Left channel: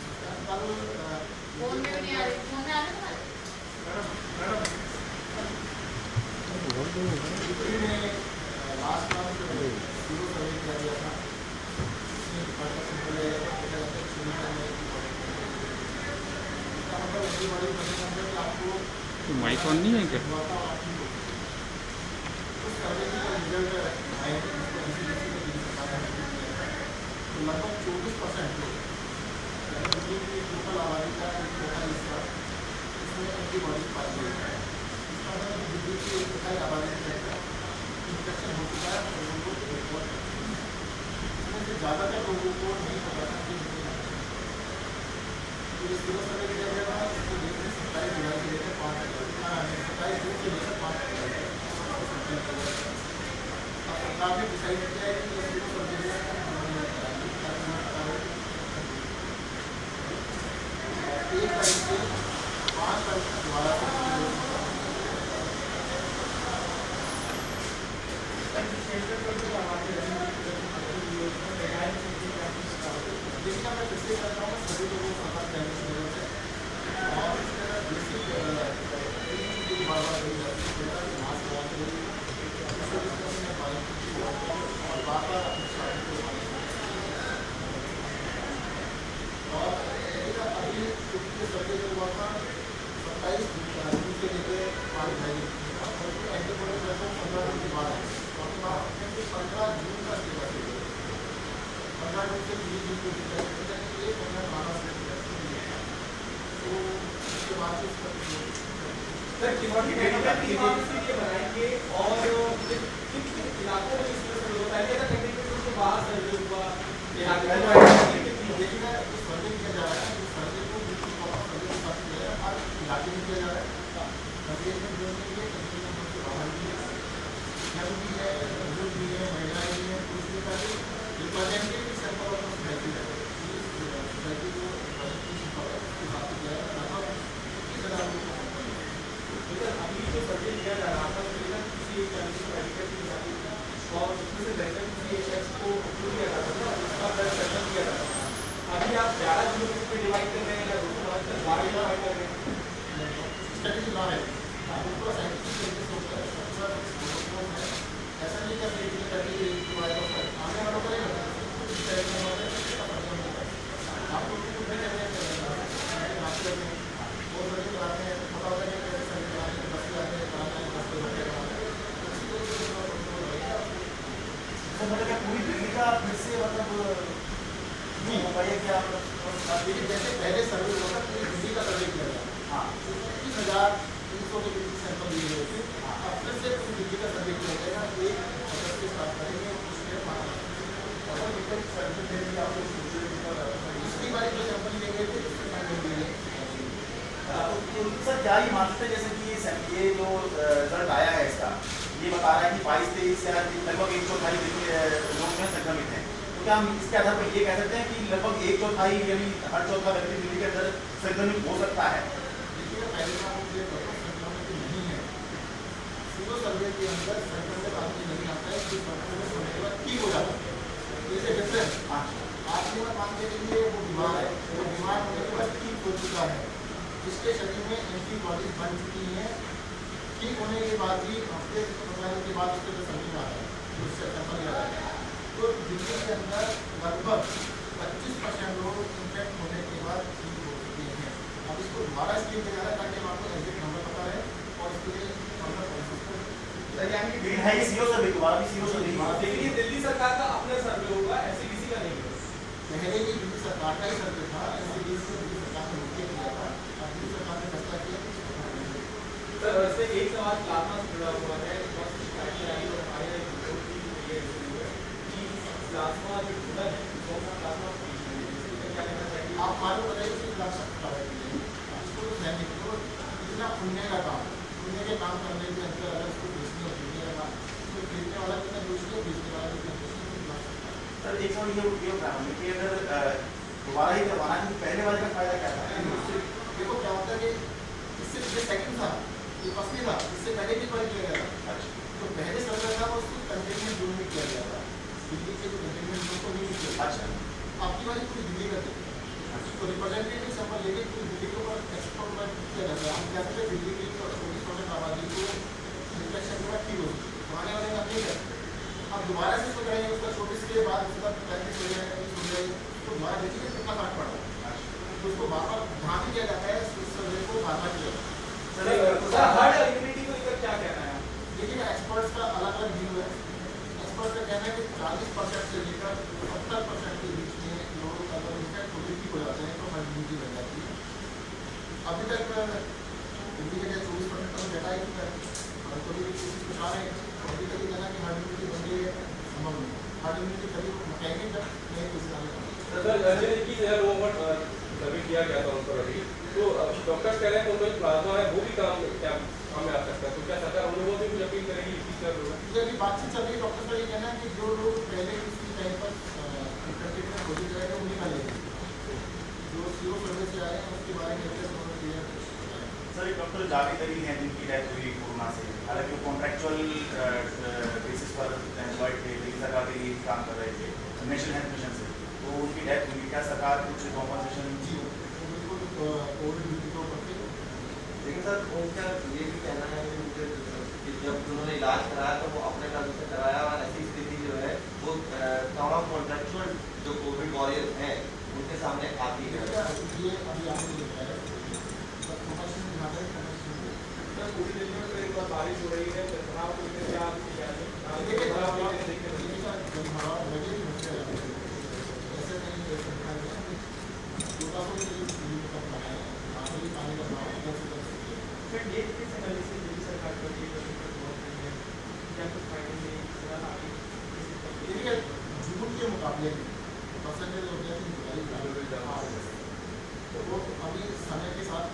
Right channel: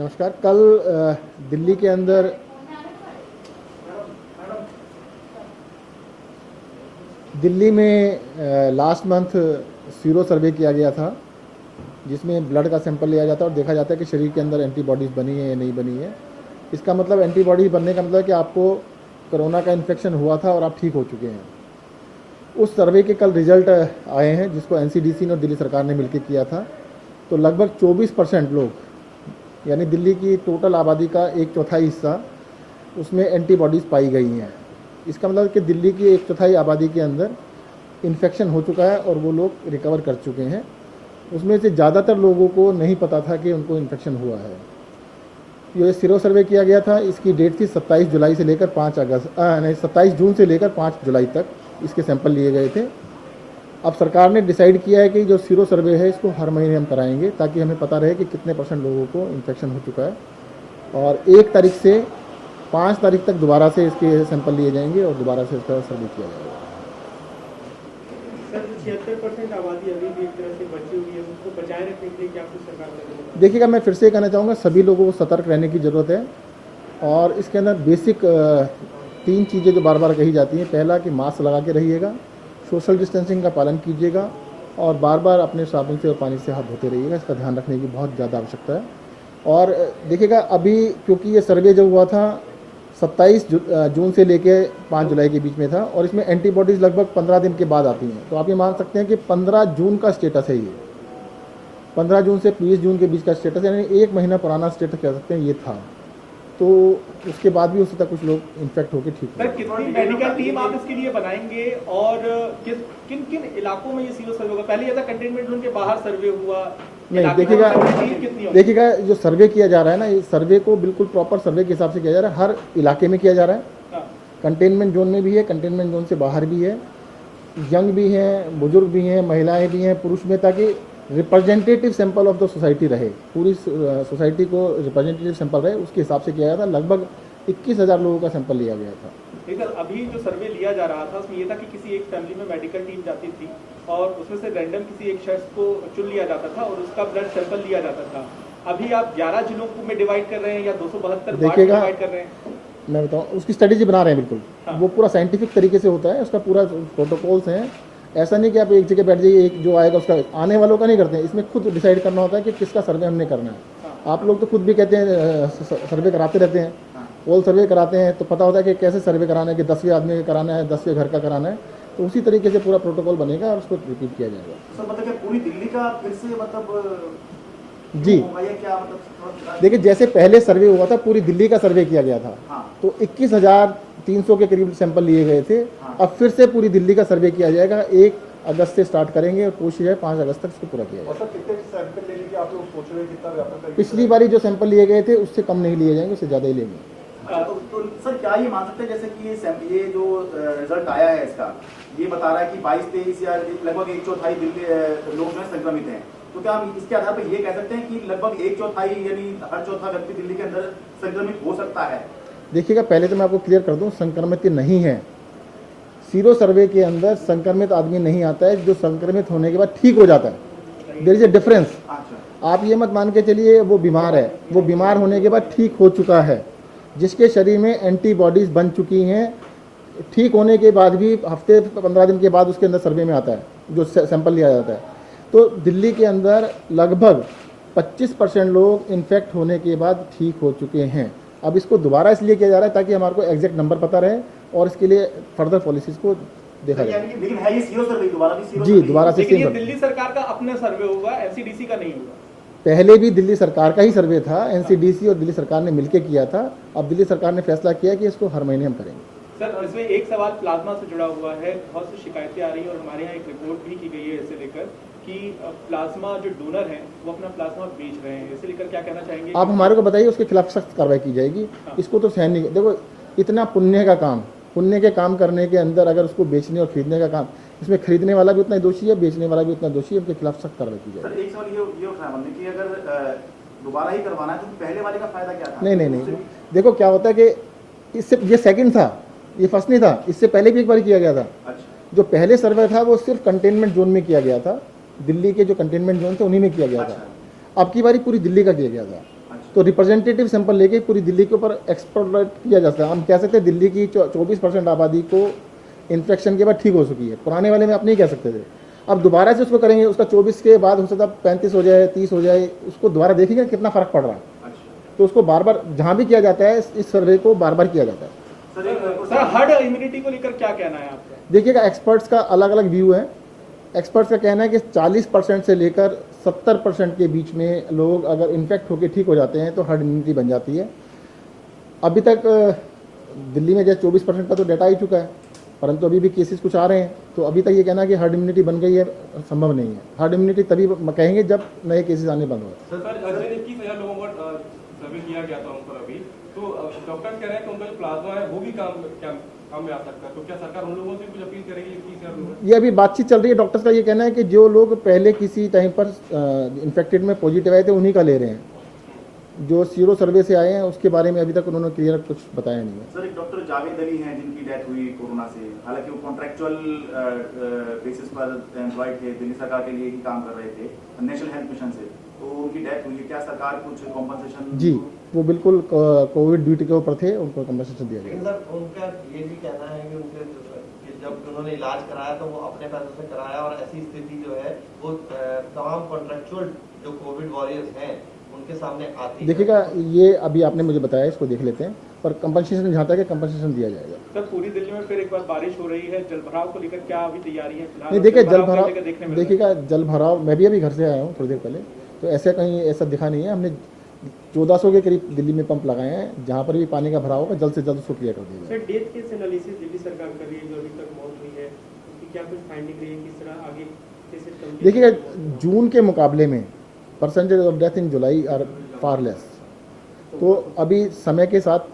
नमस्कार। कल दिल्ली के अंदर दिल्ली में लास्ट मंथ सीरो सर्वे किया गया था, जिसमें ब्लड का सैंपल लिया जाता है और देखा जाता है कि शरीर के अंदर एंटीबॉडीज़ बनी है या नहीं बनी है। इसका मतलब एंटीबॉडीज़ बनने का मतलब कि आपको कोरोना का इन्फेक्शन हुआ था और आप ठीक हो चुके हैं। उस सर्वे के कल रिजल्ट आए हैं, जिसको एनसीडीसी और दिल्ली सरकार ने मिलकर किया था। तो लगभग 24% लोग, यानी दिल्ली की टोटल आबादी का एक चौथाई हिस्सा, उसमें एंटीबॉडीज़ पाई गई हैं। इसका मतलब कि दिल्ली की एक चौथाई आबादी के अंदर इन्फेक्शन हो चुका है और वो लोग रिकवर कर चुके हैं। उसमें से ज़्यादातर लोगों को नहीं पता था कि उनको इन्फेक्शन हुआ है। ये सीरो सर्वे किया गया था, इसकी डेट थी 27 जुलाई से लेकर 27 जून से लेकर 5 जुलाई तक इसके सैंपल लिए गए थे। अब सरकार ने डिसाइड किया है कि जो सीरो सर्वे है इसको हर महीने हम कराएंगे, ताकि हमें पता रहे कि कितने % लोगों को इन्फेक्शन हो चुका है। और 1 तारीख से 5 तारीख तक दोबारा से इसके सैंपल लिए जाएंगे और दोबारा से उसका सर्वे किया जाएगा। देखिएगा, मैं फिर से कहना चाहूँगा, सभी लोगों को सतर्क रहने की ज़रूरत है। और इसके अंदर बेसिक 3 चीज़ें जो बार बार कही जाती हैं। पहला कि मास्क लगा के रहिएगा, सोशल डिस्टेंसिंग का पालन कीजिएगा और बार बार अपने साबुन से और पानी से हाथ धोते रहिएगा। इसका ध्यान रखने की बहुत ज़्यादा आवश्यकता है। और देखिएगा, अभी क्योंकि ये सर्वे जो हुआ था 27 जून से लेकर 5 जुलाई के बीच में था, और इसमें एंटीबॉडीज़ लगभग 15 दिन के बाद आती हैं। तो आप ये मान सकते हैं कि 15 जून का स्टेटस है ये। 15 जून से 30 जून के बीच का स्टेटस, यानी 1 महीना पुराना स्टेटस कह सकते हैं ये था। तो उसके बाद भी उसी तक कुछ लोग इन्फेक्ट होकर ठीक है। कितनी मेडिकल टीम आप इसके लिए बनाएंगे और किन किन इलाकों में ये सीरो सर्वे होगा? पहले ये था कंटेनमेंट जोन के बाहर सर्वे हुआ। नहीं, देखिएगा जो सर्वे किया जा रहा है ना, ये सर्वे को बिल्कुल प्रॉपर सर्वे के हिसाब से किया जा रहा है। हर इलाके में किया जा रहा है। कंटेनमेंट जोन में भी है, कंटेनमेंट जोन से बाहर भी है, यंग भी हैं, बुजुर्ग भी हैं, महिलाएं भी हैं, पुरुष में, ताकि representative sample of the society रहे, पूरी सोसाइटी को रिप्रेजेंटेटिव सैंपल रहे, उसके हिसाब से किया गया था। लगभग 21,000 लोगों का सैंपल लिया गया था। सर, अभी जो सर्वे लिया जा रहा था तो ये था कि किसी एक फैमिली में मेडिकल टीम जाती थी और उसमें से रैंडम किसी एक शख्स को चुन लिया जाता था और उसका ब्लड सैंपल लिया जाता था। अभी आप 11 जिलों में डिवाइड कर रहे हैं या 272 देखिएगा, डिवाइड कर रहे हैं? मैं बताऊँ, उसकी स्ट्रेटेजी बना रहे हैं बिल्कुल। वो पूरा साइंटिफिक तरीके से होता है, उसका पूरा प्रोटोकॉल्स हैं। ऐसा नहीं कि आप एक जगह बैठ जाइए, एक जो आएगा उसका, आने वालों का नहीं करते हैं। इसमें खुद डिसाइड करना होता है कि किसका सर्वे हमने करना है। आप लोग तो खुद भी कहते हैं सर्वे कराते रहते हैं, पोल सर्वे कराते हैं, तो पता होता है कि कैसे सर्वे कराना है, कि 10 आदमी का कराना है, 10 के घर का कराना है। तो उसी तरीके से पूरा प्रोटोकॉल बनेगा और उसको रिपीट किया जाएगा। मतलब पूरी दिल्ली का फिर से मतलब जी, देखिए, जैसे पहले सर्वे हुआ था, पूरी दिल्ली का सर्वे किया गया था। हाँ। तो 21,300 के करीब सैंपल लिए गए थे। अब फिर से पूरी दिल्ली का सर्वे किया जाएगा। 1 अगस्त से स्टार्ट करेंगे और कोशिश है 5 अगस्त तक से पूरा किया जाएगा। पिछली बारी जो सैंपल लिए गए थे उससे कम नहीं लिए जाएंगे, उससे ज़्यादा ही लेंगे। तो सर क्या ये मानते हैं, जैसे कि ये जो रिजल्ट आया है इसका, ये बता रहा है कि 22-23 या लगभग 1/4 लोग में संक्रमित हैं, तो क्या हम इसके आधार पर ये कह सकते हैं कि लगभग 1/4 यानी हर चौथा व्यक्ति दिल्ली के अंदर संक्रमित हो सकता है? देखिएगा, पहले तो मैं आपको क्लियर कर दूं, संक्रमित नहीं है। सीरो सर्वे के अंदर संक्रमित आदमी नहीं आता है, जो संक्रमित होने के बाद ठीक हो जाता है। There is a difference. आप ये मत मान के चलिए वो बीमार है, वो बीमार होने के बाद ठीक हो चुका है, जिसके शरीर में एंटीबॉडीज़ बन चुकी हैं। ठीक होने के बाद भी हफ्ते 15 दिन के बाद उसके अंदर सर्वे में आता है, जो सैंपल लिया जाता है। तो दिल्ली के अंदर लगभग 25% लोग इन्फेक्ट होने के बाद ठीक हो चुके हैं। अब इसको दोबारा इसलिए किया जा रहा है ताकि हमारे को एग्जैक्ट नंबर पता रहे और इसके लिए फर्दर पॉलिसीज को देखा जाए। जी, दोबारा से लेकिन ये दिल्ली सरकार का अपना सर्वे होगा, एनसीडीसी का नहीं होगा। पहले भी दिल्ली सरकार का ही सर्वे था, एनसीडीसी और दिल्ली सरकार ने मिलकर किया था। अब दिल्ली सरकार ने फैसला किया कि इसको हर महीने हम करेंगे। सर, वैसे एक सवाल प्लाज्मा से जुड़ा हुआ है, बहुत सी शिकायतें आ रही है और हमारे यहाँ एक रिपोर्ट भी की गई है इसे लेकर कि प्लाज्मा जो डोनर हैं वो अपना प्लाज्मा बेच रहे हैं। इसे लेकर क्या कहना चाहेंगे? आप हमारे को बताइए, उसके खिलाफ सख्त कार्रवाई की जाएगी। इसको तो सहन नहीं। देखो, इतना पुण्य का काम, पुण्य के काम करने के अंदर अगर इसको बेचने और खरीदने का काम, इसमें खरीदने वाला भी उतना दोषी है, बेचने वाला भी उतना दोषी है, उनके खिलाफ सख्त कार्रवाई की जाएगी। नहीं, देखो क्या होता है कि इससे, ये सेकंड था, ये फर्स्ट नहीं था। इससे पहले भी एक बार किया गया था। जो पहले सर्वे था वो सिर्फ कंटेनमेंट जोन में किया गया था, दिल्ली के जो कंटेनमेंट जोन थे उन्हीं में किया गया था। अब की बारी पूरी दिल्ली का किया गया था। तो रिप्रेजेंटेटिव सैंपल लेके पूरी दिल्ली के ऊपर एक्सप्लोर किया जाता है। हम कह सकते हैं दिल्ली की 24% आबादी को इन्फेक्शन के बाद ठीक हो चुकी है, पुराने वाले में आप नहीं कह सकते थे। अब दोबारा से उसको करेंगे, उसका 24 के बाद हो सकता है 35 हो जाए, 30 हो जाए, उसको दोबारा देखेंगे कितना फ़र्क पड़ रहा है। तो उसको बार बार जहाँ भी किया जाता है इस सर्वे को बार बार किया जाता है। सर हर्ड इम्यूनिटी को लेकर क्या कहना है आपका? देखिएगा, एक्सपर्ट्स का अलग अलग व्यू है। एक्सपर्ट्स का कहना है कि 40% से लेकर 70% के बीच में लोग अगर इन्फेक्ट होकर ठीक हो जाते हैं तो हर्ड इम्यूनिटी बन जाती है। अभी तक दिल्ली में जैसे 24% का तो डाटा आ ही चुका है, परंतु अभी भी केसेस कुछ आ रहे हैं। तो अभी तक ये कहना है कि हर्ड इम्यूनिटी बन गई है, संभव नहीं है। हर्ड इम्यूनिटी तभी कहेंगे जब नए केसेस आने बंद हों। सर अगर 21,000 लोगों पर सर्वे किया गया था उन पर अभी, तो डॉक्टर्स कह रहे हैं कि उनका जो प्लाज्मा है वो भी काम में आ सकता है, तो क्या सरकार उन लोगों से भी अपील करेगी 21,000 लोगों? ये अभी बातचीत चल रही है। डॉक्टर्स का ये कहना है कि जो लोग पहले किसी टाइम पर इन्फेक्टेड में पॉजिटिव आए थे उन्हीं का ले रहे हैं। जो सीरो सर्वे से आए हैं उसके बारे में अभी तक उन्होंने क्लियर कुछ बताया नहीं है। सर, एक डॉक्टर जावेद अली हैं जिनकी डेथ हुई कोरोना से, हालांकि वो कॉन्ट्रैक्चुअल बेसिस पर एम्प्लॉयड थे, दिल्ली सरकार के लिए ही काम कर रहे थे नेशनल हेल्थ मिशन से, तो उनकी डेथ हुई। क्या सरकार कुछ कॉम्पनसेशन? जी, वो बिल्कुल कोविड ड्यूटी के ऊपर थे, उनको कम्पनसेशन दिया गया। लेकिन सर उनका ये भी कहना है कि जब उन्होंने इलाज कराया तो वो अपने पैसों से कराया, और ऐसी स्थिति जो है वो तमाम कॉन्ट्रैक्चुअल जो कोविड वॉरियर्स हैं उनके सामने आती है। देखिएगा, ये अभी आपने मुझे बताया, इसको देख लेते हैं, पर कंपनसेशन जहाँ तक है कंपनसेशन दिया जाएगा। सर पूरी दिल्ली में फिर एक बार बारिश हो रही है, जलभराव को लेकर क्या अभी तैयारी है? नहीं, देखिए जलभराव को जलभराव, लेकर देखने में देखिएगा जलभराव, मैं भी अभी घर से आया हूँ थोड़ी देर पहले, तो ऐसा कहीं ऐसा दिखा नहीं है। हमने 1400 के करीब दिल्ली में पंप लगाए हैं, जहाँ पर भी पानी का भराव होगा जल्द से जल्द उसको क्लियर कर दिया। सर डेट किस एनालिसिस दिल्ली सरकार कर रही है जो अभी तक बहुत नहीं है, क्या कुछ फाइंडिंग रही है, इस तरह आगे कैसे? देखिएगा, जून के मुकाबले में percentage of death in July are far less, तो अभी समय के साथ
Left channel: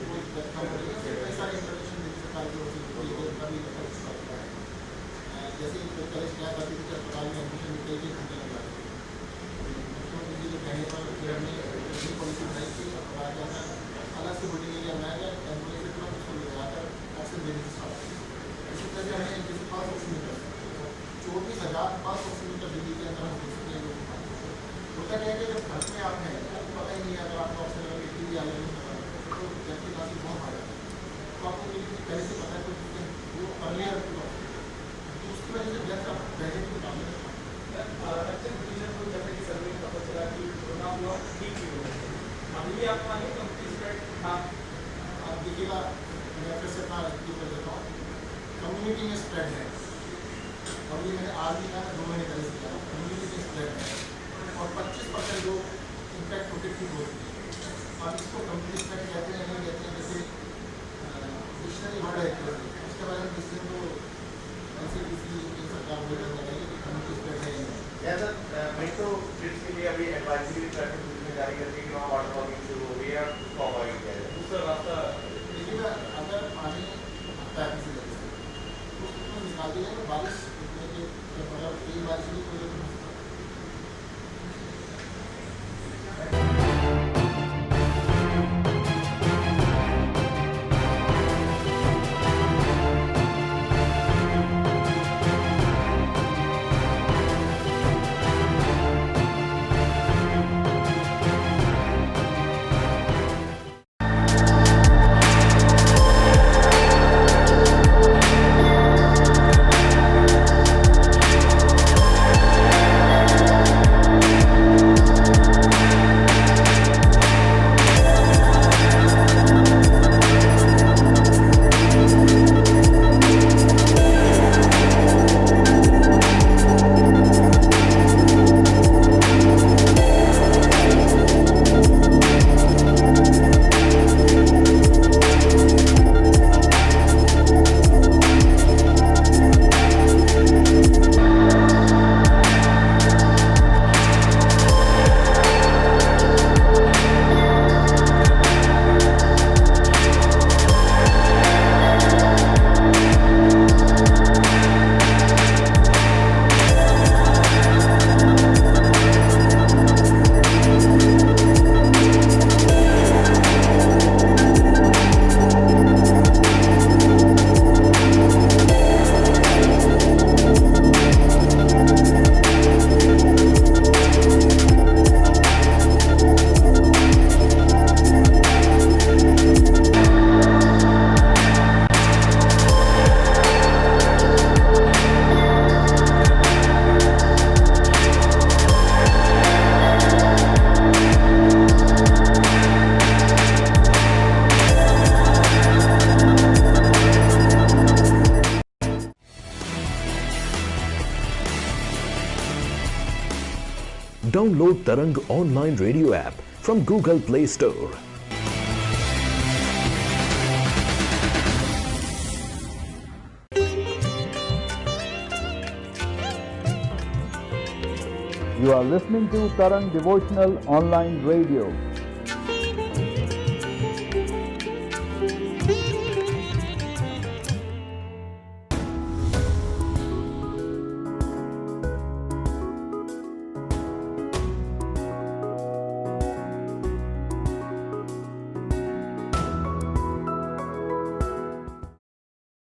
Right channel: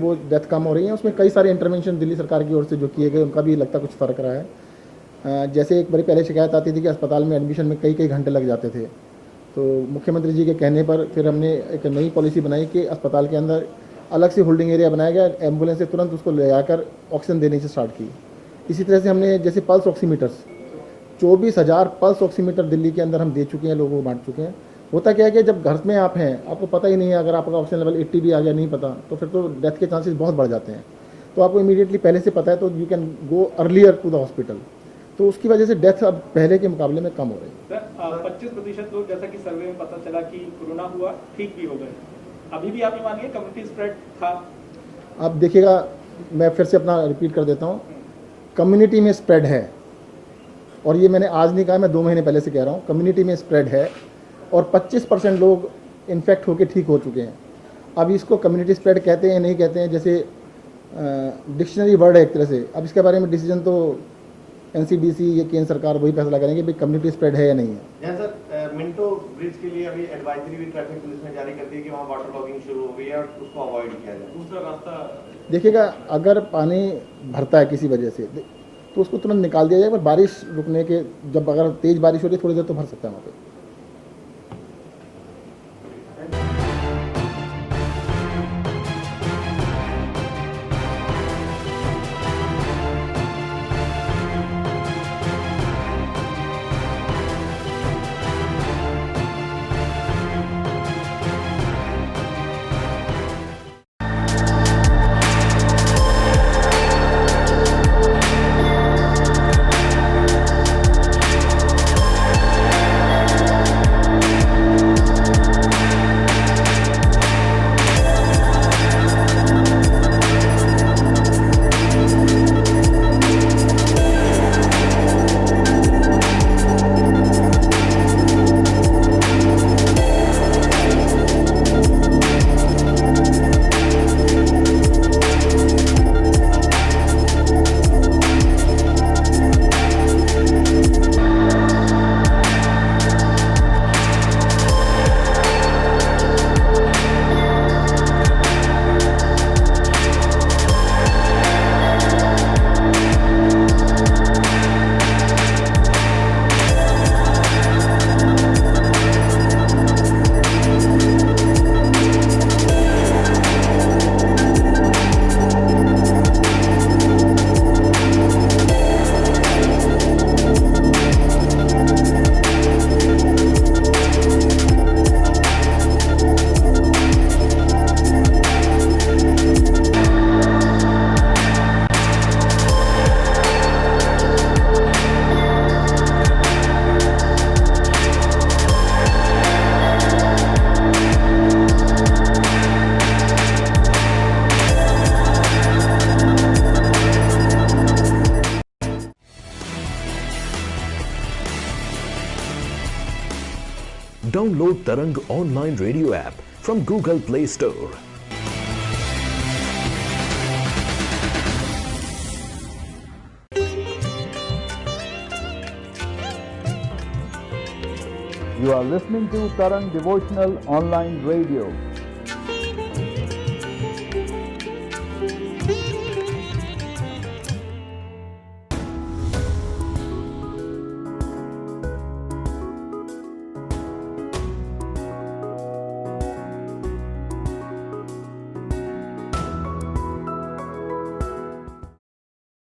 वो डेथ कम हो रही है। उसमें कई सारे इंटरवेंशन दिल्ली सरकार की ओर से जो किए गए उनका भी लगता कुछ फ़र्क रहा है। जैसे एक बड़ी पहले शिकायत आती थी कि अस्पताल में एडमिशन में कई कई घंटे लग जाते थे, तो मुख्यमंत्री जी के कहने पर फिर हमने एक नई पॉलिसी बनाई कि अस्पताल के अंदर अलग से होल्डिंग एरिया बनाया गया, एम्बुलेंस से तुरंत उसको ले जाकर ऑक्सीजन देने से स्टार्ट की। इसी तरह से हमने जैसे pulse oximeters 24,000 pulse oximeter Delhi के अंदर हम दे चुके हैं, लोगों को बांट चुके हैं। होता क्या है कि जब घर में आप हैं, आपको पता ही नहीं है, अगर आपका ऑक्सीजन लेवल 80 भी आ गया नहीं पता, तो फिर तो डेथ के चांसेस बहुत बढ़ जाते हैं। तो आपको इमीडिएटली पहले से पता है तो you can go earlier to the hospital, तो उसकी वजह से डेथ अब पहले के मुकाबले में कम हो रही है। सर 25% लोग, जैसा कि सर्वे में पता चला कि कोरोना हुआ ठीक भी हो गए, अभी भी आप मानिए कम्युनिटी स्प्रेड था? अब देखिएगा, मैं फिर से अपना रिपीट कर देता हूँ, कम्युनिटी में स्प्रेड है, और ये मैंने आज नहीं कहा, मैं 2 महीने पहले से कह रहा हूँ, कम्युनिटी में स्प्रेड है और 25% लोग इन्फेक्ट होकर ठीक हो चुके हैं। अब इसको कम्युनिटी स्प्रेड कहते हैं नहीं कहते हैं, जैसे डिक्शनरी वर्ड है एक तरह से। अब इसके बारे में डिसीजन तो एनसीडीसी या केंद्र सरकार वही फैसला करेंगे कि कम्युनिटी स्प्रेड है या नहीं है। या सर मेट्रो ब्रिज के लिए अभी एडवाइजरी भी ट्रैफिक पुलिस ने जारी कर दी कि वहाँ वाटर लॉगिंग शुरू हो गई है, उसको अवॉइड किया जाए। दूसरा रास्ता देखिएगा, अगर पानी भरता है किसी वजह से तो उसको तुरंत निकाल दिया जाए, पर बारिश रुकने के, जब अगर तेज़ बारिश होती है थोड़ी देर तो भर सकता है। Download Tarang online radio app from Google Play Store. You are listening to Tarang Devotional Online Radio.